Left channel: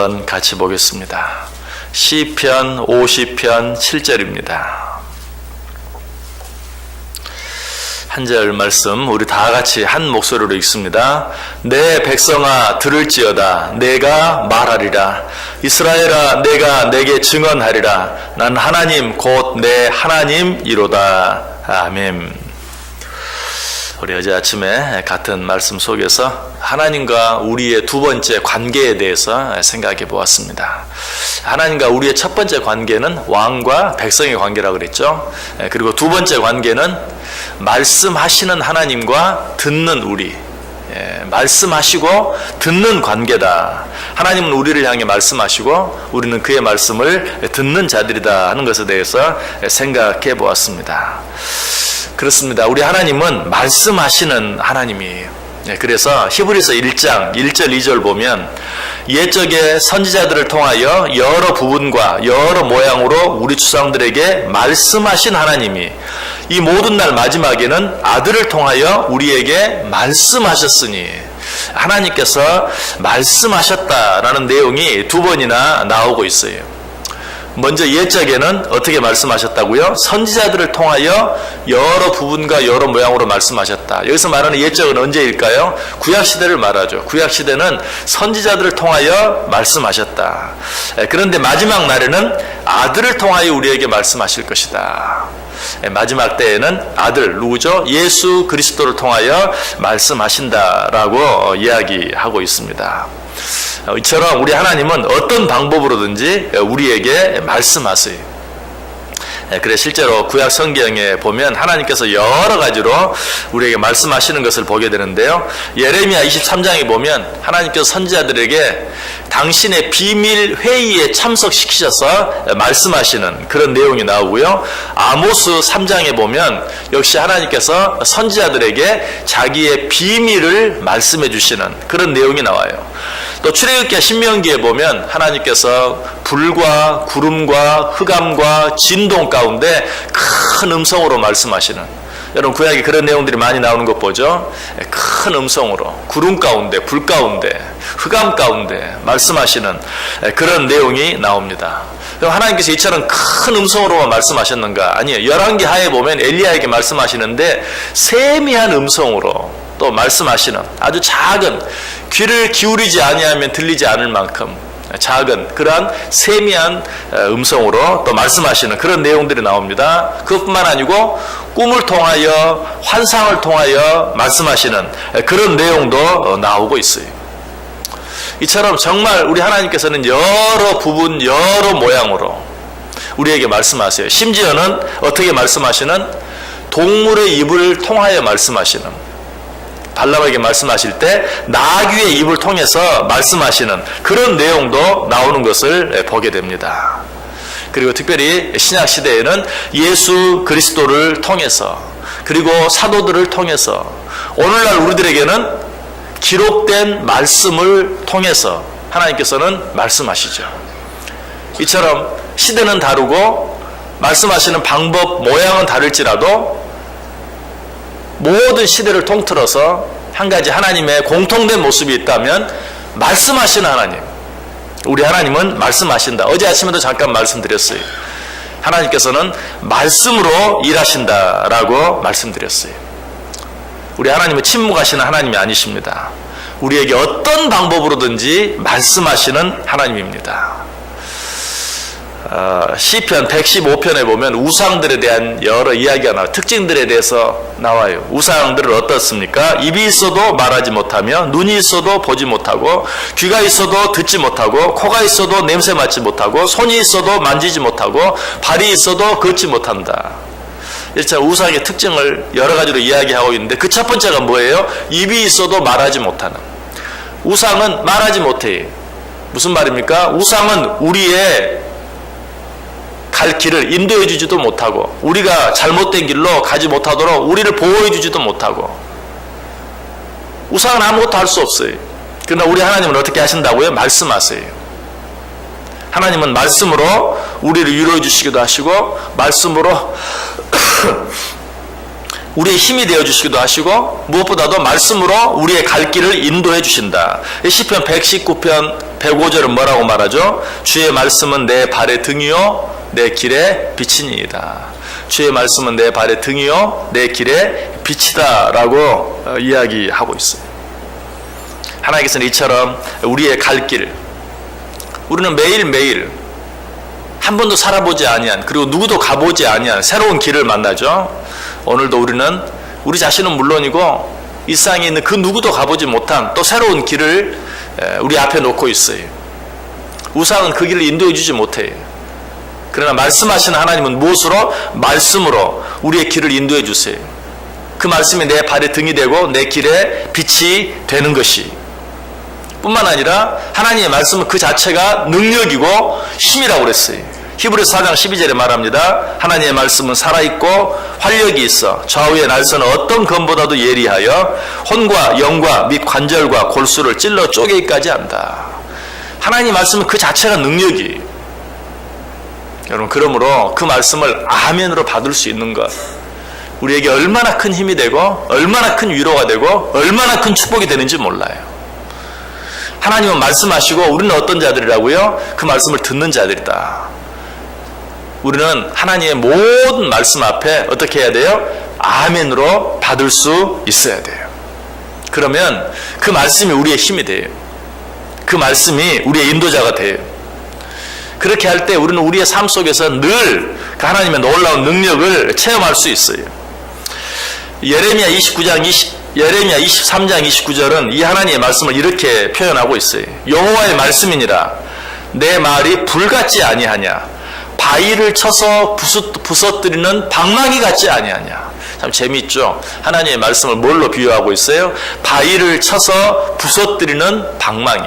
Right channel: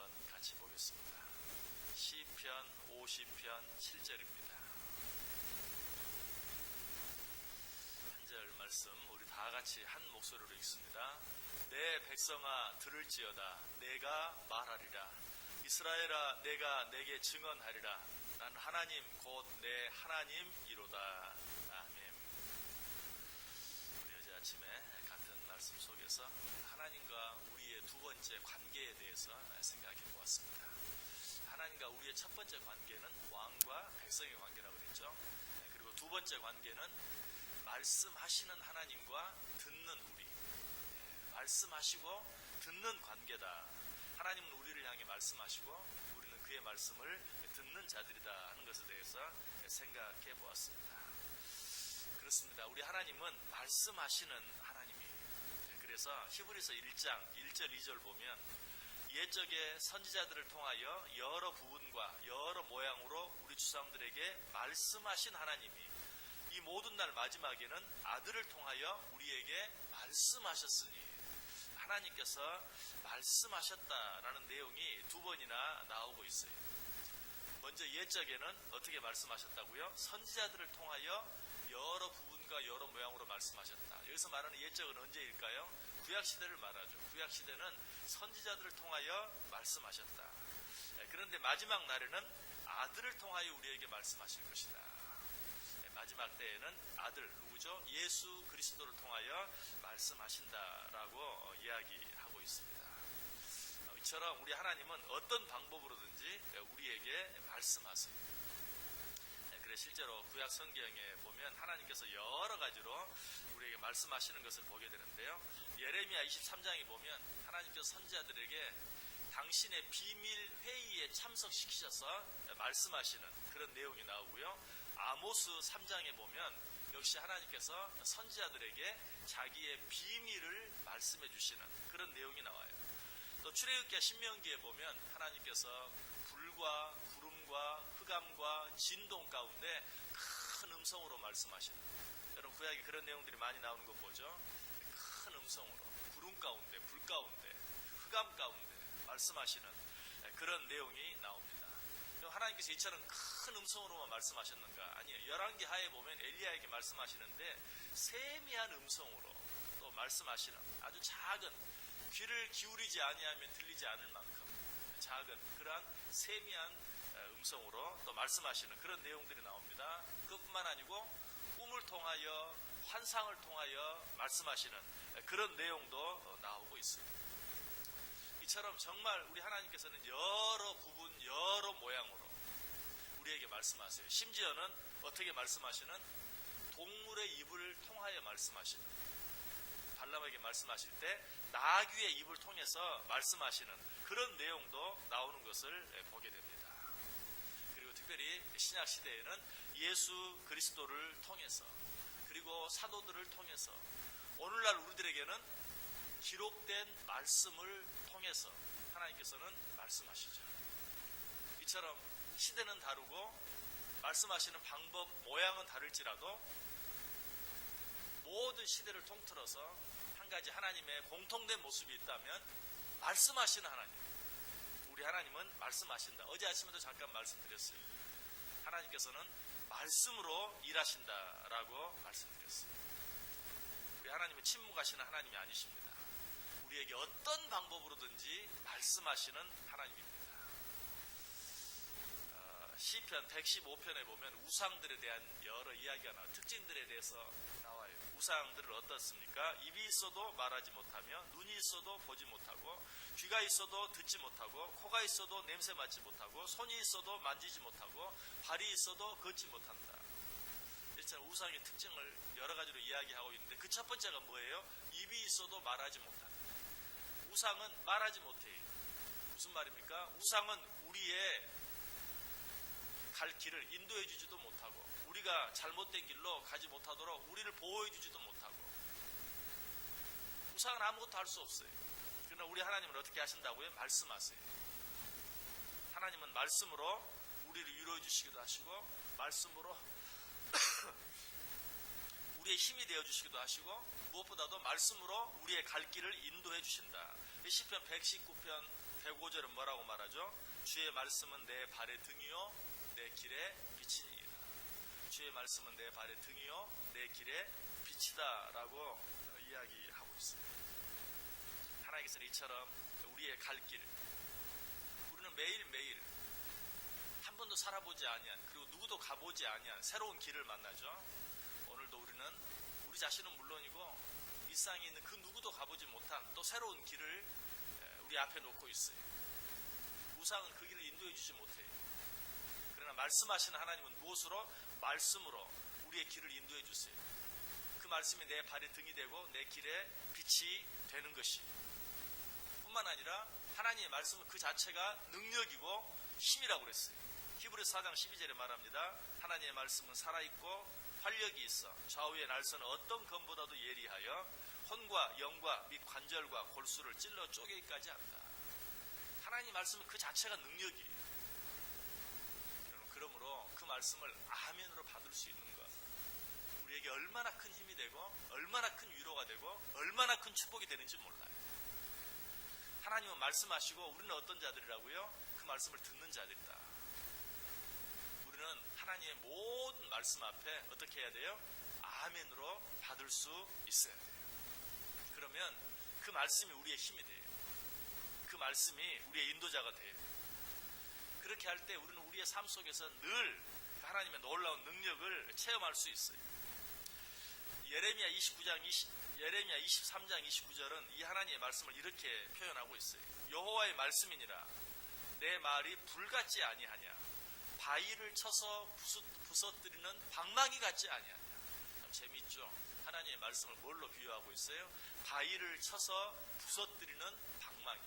한번 같이 보겠습니다. 시편 50편 7절입니다. 한 절 말씀 우리 다 같이 한 목소리로 읽습니다. 내 백성아 들을지어다. 내가 말하리라. 이스라엘아 내가 내게 증언하리라. 난 하나님 곧 내 하나님이로다. 아멘. 우리 어제 아침에 같은 말씀 속에서 하나님과 우리의 두 번째 관계에 대해서 생각해 보았습니다. 하나님과 우리의 첫 번째 관계는 왕과 백성의 관계라고 그랬죠. 그리고 두 번째 관계는 말씀하시는 하나님과 듣는 우리, 말씀하시고 듣는 관계다. 하나님은 우리를 향해 말씀하시고 우리는 그의 말씀을 듣는 자들이다 하는 것에 대해서 생각해 보았습니다. 그렇습니다. 우리 하나님은 말씀하시는 하나님이에요. 그래서 히브리서 1장 1절 2절 보면 옛적에 선지자들을 통하여 여러 부분과 여러 모양으로 우리 주상들에게 말씀하신 하나님이 이 모든 날 마지막에는 아들을 통하여 우리에게 말씀하셨으니, 하나님께서 말씀하셨다라는 내용이 두 번이나 나오고 있어요. 먼저 옛적에는 어떻게 말씀하셨다고요? 선지자들을 통하여 여러 부분과 여러 모양으로 말씀하셨다. 여기서 말하는 옛적은 언제일까요? 구약시대를 말하죠. 구약시대는 선지자들을 통하여 말씀하셨다. 그런데 마지막 날에는 아들을 통하여 우리에게 말씀하실 것이다. 마지막 때에는 아들, 누구죠? 예수 그리스도를 통하여 말씀하신다라고 이야기하고 있습니다. 이처럼 우리 하나님은 어떤 방법으로든지 우리에게 말씀하세요. 그래 실제로 구약 성경에 보면 하나님께서 여러 가지로 우리에게 말씀하시는 것을 보게 되는데요. 예레미야 23장에 보면 하나님께서 선지자들에게 당신의 비밀 회의에 참석시키셔서 말씀하시는 그런 내용이 나오고요. 아모스 3장에 보면 역시 하나님께서 선지자들에게 자기의 비밀을 말씀해 주시는 그런 내용이 나와요. 또 출애굽기와 신명기에 보면 하나님께서 불과 구름과 흑암과 진동 가운데 큰 음성으로 말씀하시는, 여러분 구약에 그런 내용들이 많이 나오는 것 보죠. 큰 음성으로 구름 가운데 불 가운데 흑암 가운데 말씀하시는 그런 내용이 나옵니다. 그럼 하나님께서 이처럼 큰 음성으로만 말씀하셨는가? 아니에요. 열왕기 하에 보면 엘리야에게 말씀하시는데 세미한 음성으로 또 말씀하시는, 아주 작은, 귀를 기울이지 아니하면 들리지 않을 만큼 작은 그러한 세미한 음성으로 또 말씀하시는 그런 내용들이 나옵니다. 그것뿐만 아니고 꿈을 통하여 환상을 통하여 말씀하시는 그런 내용도 나오고 있어요. 이처럼 정말 우리 하나님께서는 여러 부분 여러 모양으로 우리에게 말씀하세요. 심지어는 어떻게 말씀하시는? 동물의 입을 통하여 말씀하시는, 발람에게 말씀하실 때 나귀의 입을 통해서 말씀하시는 그런 내용도 나오는 것을 보게 됩니다. 그리고 특별히 신약시대에는 예수 그리스도를 통해서 그리고 사도들을 통해서 오늘날 우리들에게는 기록된 말씀을 통해서 하나님께서는 말씀하시죠. 이처럼 시대는 다르고 말씀하시는 방법, 모양은 다를지라도 모든 시대를 통틀어서 한 가지 하나님의 공통된 모습이 있다면 말씀하시는 하나님, 우리 하나님은 말씀하신다. 어제 아침에도 잠깐 말씀드렸어요. 하나님께서는 말씀으로 일하신다라고 말씀드렸어요. 우리 하나님은 침묵하시는 하나님이 아니십니다. 우리에게 어떤 방법으로든지 말씀하시는 하나님입니다. 시편 115편에 보면 우상들에 대한 여러 이야기가 나와요. 특징들에 대해서 나와요. 우상들은 어떻습니까? 입이 있어도 말하지 못하며, 눈이 있어도 보지 못하고, 귀가 있어도 듣지 못하고, 코가 있어도 냄새 맡지 못하고, 손이 있어도 만지지 못하고, 발이 있어도 걷지 못한다. 이렇게 우상의 특징을 여러 가지로 이야기하고 있는데 그 첫 번째가 뭐예요? 입이 있어도 말하지 못하는. 우상은 말하지 못해요. 무슨 말입니까? 우상은 우리의 갈 길을 인도해 주지도 못하고, 우리가 잘못된 길로 가지 못하도록 우리를 보호해 주지도 못하고, 우상은 아무것도 할 수 없어요. 그러나 우리 하나님은 어떻게 하신다고요? 말씀하세요. 하나님은 말씀으로 우리를 위로해 주시기도 하시고, 말씀으로 우리의 힘이 되어 주시기도 하시고, 무엇보다도 말씀으로 우리의 갈 길을 인도해 주신다. 시편 119편 105절은 뭐라고 말하죠? 주의 말씀은 내 발의 등이요 내 길의 빛이니이다. 주의 말씀은 내 발의 등이요 내 길의 빛이다 라고 이야기하고 있어요. 하나님께서는 이처럼 우리의 갈 길, 우리는 매일매일 한 번도 살아보지 아니한, 그리고 누구도 가보지 아니한 새로운 길을 만나죠. 오늘도 우리는 우리 자신은 물론이고 이 세상에 있는 그 누구도 가보지 못한 또 새로운 길을 우리 앞에 놓고 있어요. 우상은 그 길을 인도해 주지 못해요. 그러나 말씀하시는 하나님은 무엇으로? 말씀으로 우리의 길을 인도해 주세요. 그 말씀이 내 발의 등이 되고 내 길의 빛이 되는 것이 뿐만 아니라 하나님의 말씀은 그 자체가 능력이고 힘이라고 그랬어요. 히브리서 4장 12절에 말합니다. 하나님의 말씀은 살아있고 활력이 있어 좌우의 날서는 어떤 검보다도 예리하여 혼과 영과 및 관절과 골수를 찔러 쪼개기까지 한다. 하나님의 말씀은 그 자체가 능력이에요. 여러분, 그러므로 그 말씀을 아멘으로 받을 수 있는 것, 우리에게 얼마나 큰 힘이 되고 얼마나 큰 위로가 되고 얼마나 큰 축복이 되는지 몰라요. 하나님은 말씀하시고 우리는 어떤 자들이라고요? 그 말씀을 듣는 자들이다. 우리는 하나님의 모든 말씀 앞에 어떻게 해야 돼요? 아멘으로 받을 수 있어야 돼요. 그러면 그 말씀이 우리의 힘이 돼요. 그 말씀이 우리의 인도자가 돼요. 그렇게 할 때 우리는 우리의 삶 속에서 늘 그 하나님의 놀라운 능력을 체험할 수 있어요. 예레미야 23장 29절은 이 하나님의 말씀을 이렇게 표현하고 있어요. 여호와의 말씀이니라 내 말이 불같지 아니하냐 바위를 쳐서 부서뜨리는 방망이 같지 아니하냐. 참 재미있죠. 하나님의 말씀을 뭘로 비유하고 있어요? 바위를 쳐서 부서뜨리는 방망이.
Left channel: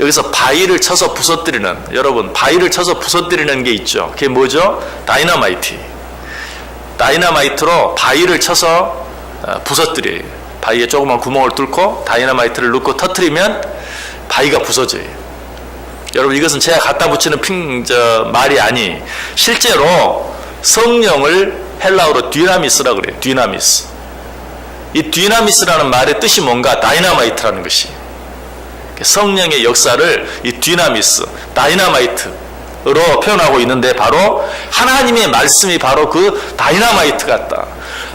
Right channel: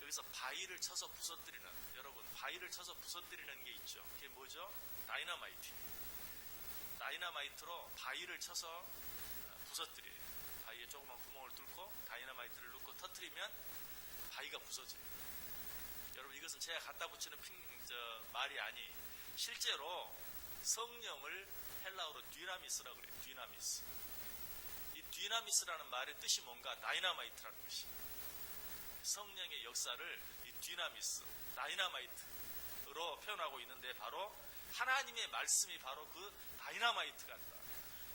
여기서 바위를 쳐서 부서뜨리는, 여러분 바위를 쳐서 부서뜨리는 게 있죠. 그게 뭐죠? 다이너마이트로 바위를 쳐서 부서뜨려요. 바위에 조그만 구멍을 뚫고 다이너마이트를 넣고 터뜨리면 바위가 부서져요. 여러분, 이것은 제가 갖다 붙이는 말이 아니, 실제로 성령을 헬라어로 디나미스라고 그래요. 디나미스. 이 디나미스라는 말의 뜻이 뭔가? 다이너마이트라는 것이. 성령의 역사를 이 디나미스, 다이너마이트로 표현하고 있는데, 바로 하나님의 말씀이 바로 그 다이너마이트 같다.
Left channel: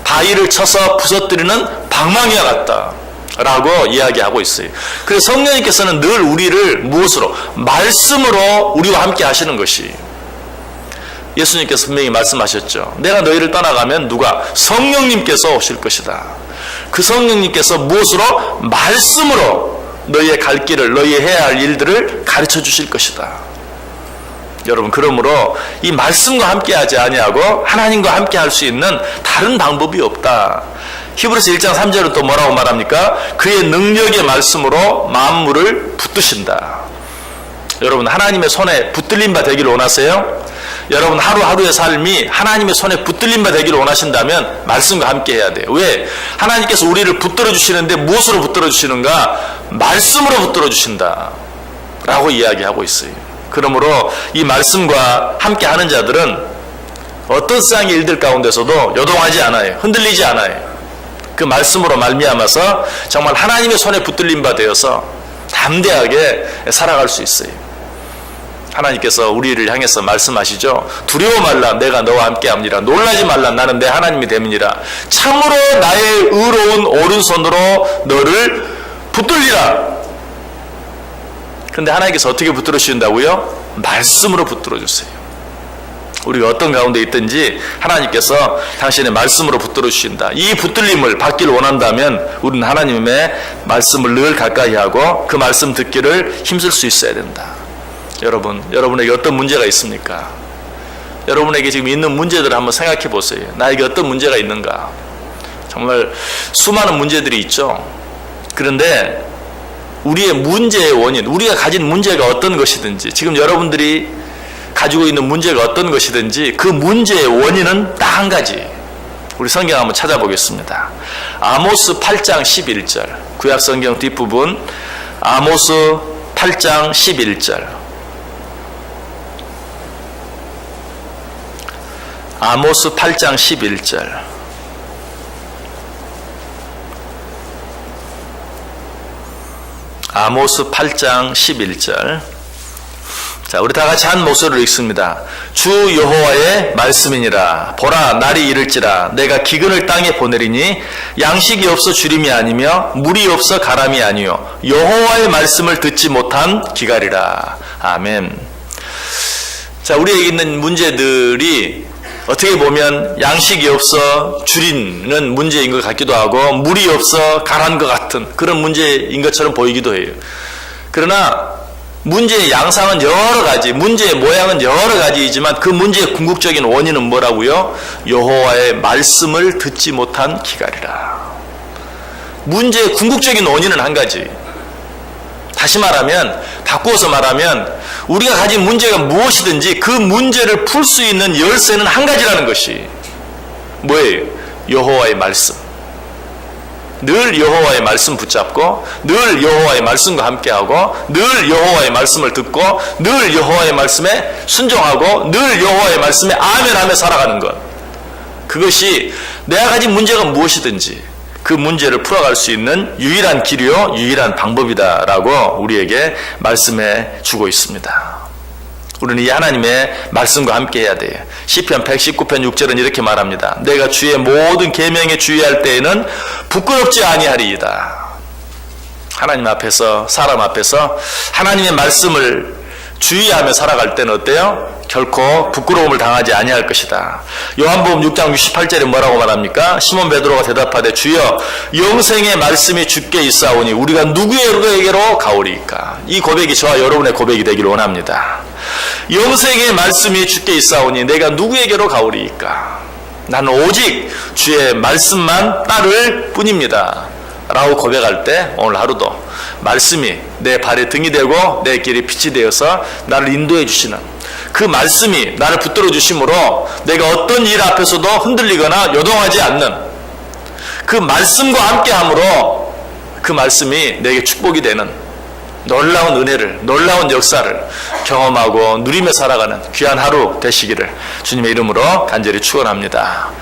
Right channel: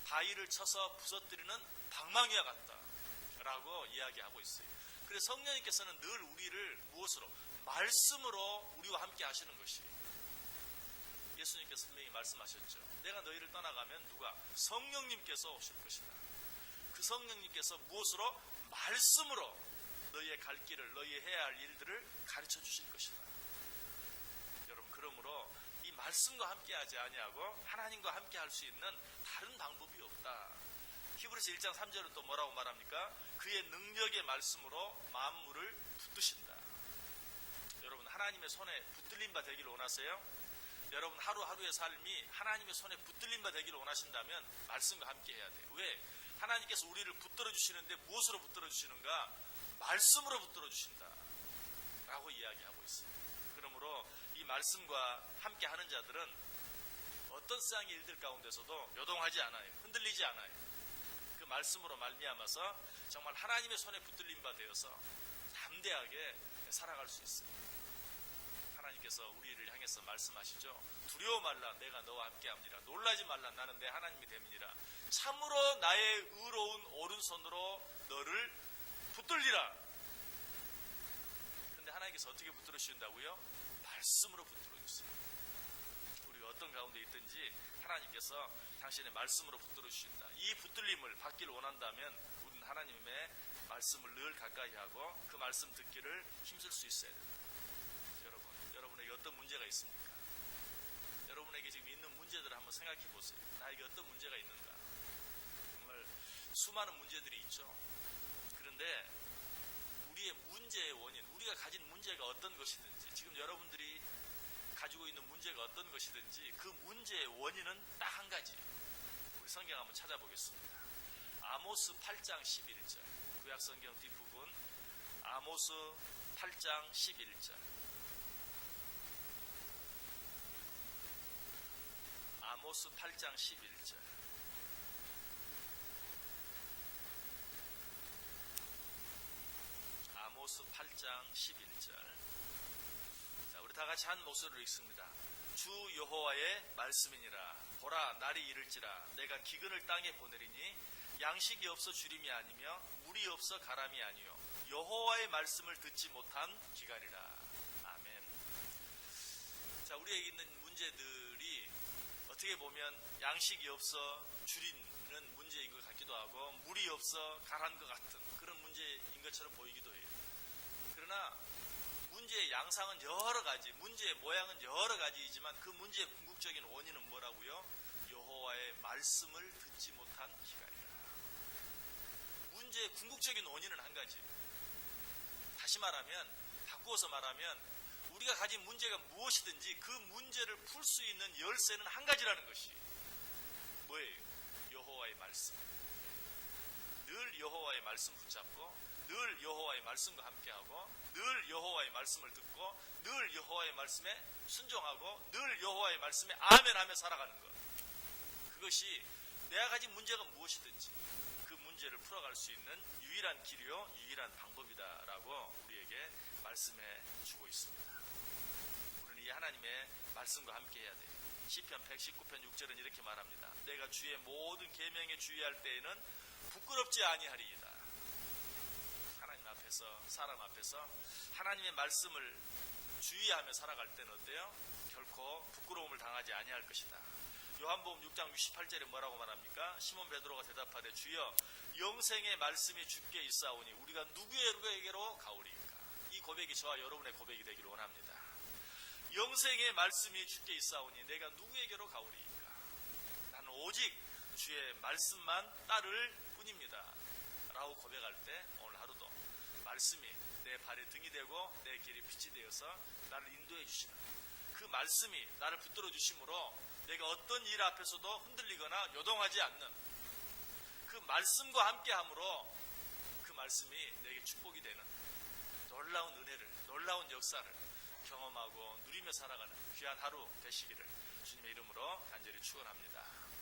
바위를 쳐서 부서뜨리는 방망이와 같다 라고 이야기하고 있어요. 그래서 성령님께서는 늘 우리를 무엇으로? 말씀으로 우리와 함께 하시는 것이. 예수님께서 분명히 말씀하셨죠. 내가 너희를 떠나가면 누가? 성령님께서 오실 것이다. 그 성령님께서 무엇으로? 말씀으로 너희의 갈 길을, 너희의 해야 할 일들을 가르쳐 주실 것이다. 여러분, 그러므로 이 말씀과 함께 하지 아니하고 하나님과 함께 할 수 있는 다른 방법이 없다. 히브리서 1장 3절은 또 뭐라고 말합니까? 그의 능력의 말씀으로 만물을 붙드신다. 여러분, 하나님의 손에 붙들린 바 되기를 원하세요? 여러분, 하루하루의 삶이 하나님의 손에 붙들린 바 되기를 원하신다면 말씀과 함께 해야 돼요. 왜? 하나님께서 우리를 붙들어 주시는데 무엇으로 붙들어 주시는가? 말씀으로 붙들어 주신다 라고 이야기하고 있어요. 그러므로 이 말씀과 함께 하는 자들은 어떤 세상의 일들 가운데서도 요동하지 않아요. 흔들리지 않아요. 그 말씀으로 말미암아서 정말 하나님의 손에 붙들린 바 되어서 담대하게 살아갈 수 있어요. 하나님께서 우리를 향해서 말씀하시죠. 두려워 말라, 내가 너와 함께 합니다. 놀라지 말라, 나는 내 하나님이 됨이니라. 참으로 나의 의로운 오른손으로 너를 붙들리라. 근데 하나님께서 어떻게 붙들어 주신다고요? 말씀으로 붙들어 주세요. 우리가 어떤 가운데 있든지 하나님께서 당신의 말씀으로 붙들어 주신다. 이 붙들림을 받기를 원한다면 우리는 하나님의 말씀을 늘 가까이 하고 그 말씀 듣기를 힘쓸 수 있어야 된다. 여러분, 여러분에게 어떤 문제가 있습니까? 여러분에게 지금 있는 문제들을 한번 생각해 보세요. 나에게 어떤 문제가 있는가? 정말 수많은 문제들이 있죠. 그런데 우리의 문제의 원인, 우리가 가진 문제가 어떤 것이든지, 지금 여러분들이 가지고 있는 문제가 어떤 것이든지 그 문제의 원인은 딱 한 가지. 우리 성경 한번 찾아보겠습니다. 아모스 8장 11절, 구약 성경 뒷부분 아모스 8장 11절. 아모스 8장 11절. 아모스 8장 11절. 자, 우리 다 같이 한 목소리로 읽습니다. 주 여호와의 말씀이니라. 보라, 날이 이를지라. 내가 기근을 땅에 보내리니 양식이 없어 주림이 아니며 물이 없어 가람이 아니요 여호와의 말씀을 듣지 못한 기갈이라. 아멘. 자, 우리에게 있는 문제들이 어떻게 보면 양식이 없어 줄이는 문제인 것 같기도 하고 물이 없어 가란 것 같은 그런 문제인 것처럼 보이기도 해요. 그러나 문제의 양상은 여러 가지, 문제의 모양은 여러 가지이지만 그 문제의 궁극적인 원인은 뭐라고요? 여호와의 말씀을 듣지 못한 기갈이라. 문제의 궁극적인 원인은 한 가지. 다시 말하면, 바꾸어서 말하면 우리가 가진 문제가 무엇이든지 그 문제를 풀 수 있는 열쇠는 한 가지라는 것이 뭐예요? 여호와의 말씀. 늘 여호와의 말씀 붙잡고 늘 여호와의 말씀과 함께하고 늘 여호와의 말씀을 듣고 늘 여호와의 말씀에 순종하고 늘 여호와의 말씀에 아멘하며 살아가는 것. 그것이 내가 가진 문제가 무엇이든지 그 문제를 풀어갈 수 있는 유일한 길이요 유일한 방법이다라고 우리에게 말씀해 주고 있습니다. 우리는 이 하나님의 말씀과 함께 해야 돼요. 시편 119편 6절은 이렇게 말합니다. 내가 주의 모든 계명에 주의할 때에는 부끄럽지 아니하리이다. 하나님 앞에서, 사람 앞에서 하나님의 말씀을 주의하며 살아갈 때는 어때요? 결코 부끄러움을 당하지 아니할 것이다. 요한복음 6장 68절에 뭐라고 말합니까? 시몬 베드로가 대답하되 주여 영생의 말씀이 주께 있사오니 우리가 누구에게로 가오리이까? 이 고백이 저와 여러분의 고백이 되기를 원합니다. 영생의 말씀이 주께 있사오니 내가 누구에게로 가오리이까? 나는 오직 주의 말씀만 따를 뿐입니다. 라고 고백할 때 오늘 하루도 말씀이 내 발에 등이 되고 내 길에 빛이 되어서 나를 인도해 주시는 그 말씀이 나를 붙들어 주심으로 내가 어떤 일 앞에서도 흔들리거나 요동하지 않는 그 말씀과 함께함으로 그 말씀이 내게 축복이 되는 놀라운 은혜를, 놀라운 역사를 경험하고 누리며 살아가는 귀한 하루 되시기를 주님의 이름으로 간절히 축원합니다.